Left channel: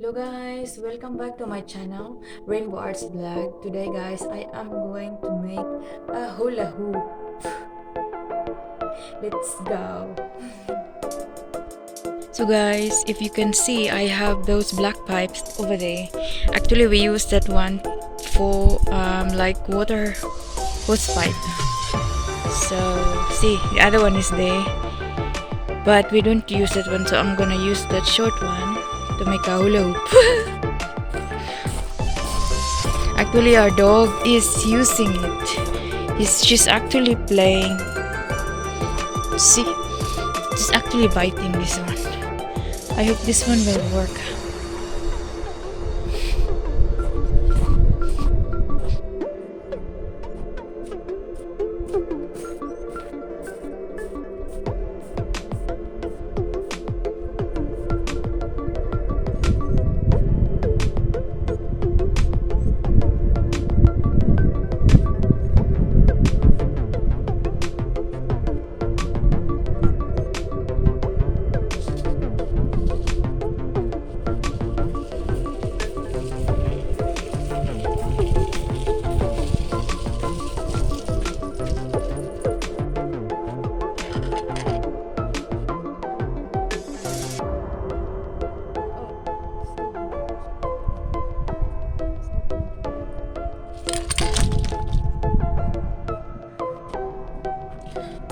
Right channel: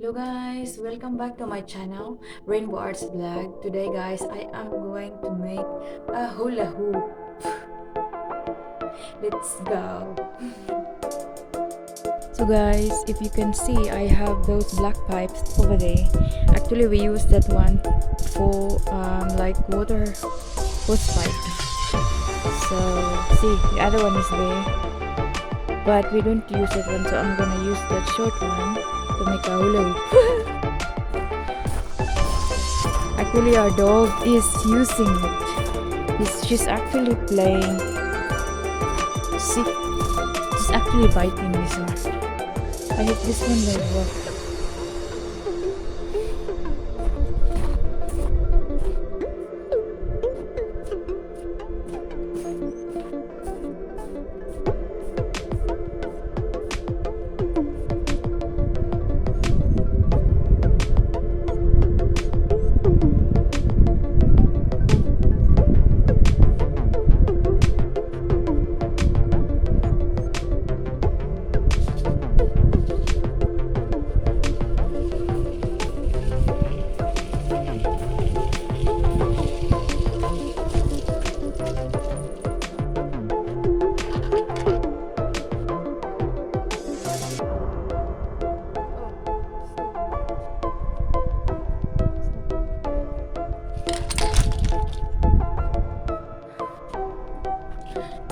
Hello guys, welcome back to my channel Rainbow Arts Vlog. Today guys, I am going to make a hula hoop. Let's go. So guys, if you can see, I have those black pipes over there. Actually, we use that one for like water hose pipe. So see, the other one is there, but we don't use that one. So I'm gonna use that short one to make a hula hoop. Actually, our dog is using it. She's actually playing. See, she's actually biting this one. I hope this one will work.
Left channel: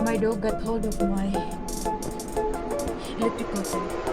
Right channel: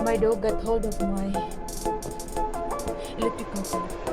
My dog got hold of my electrical cord.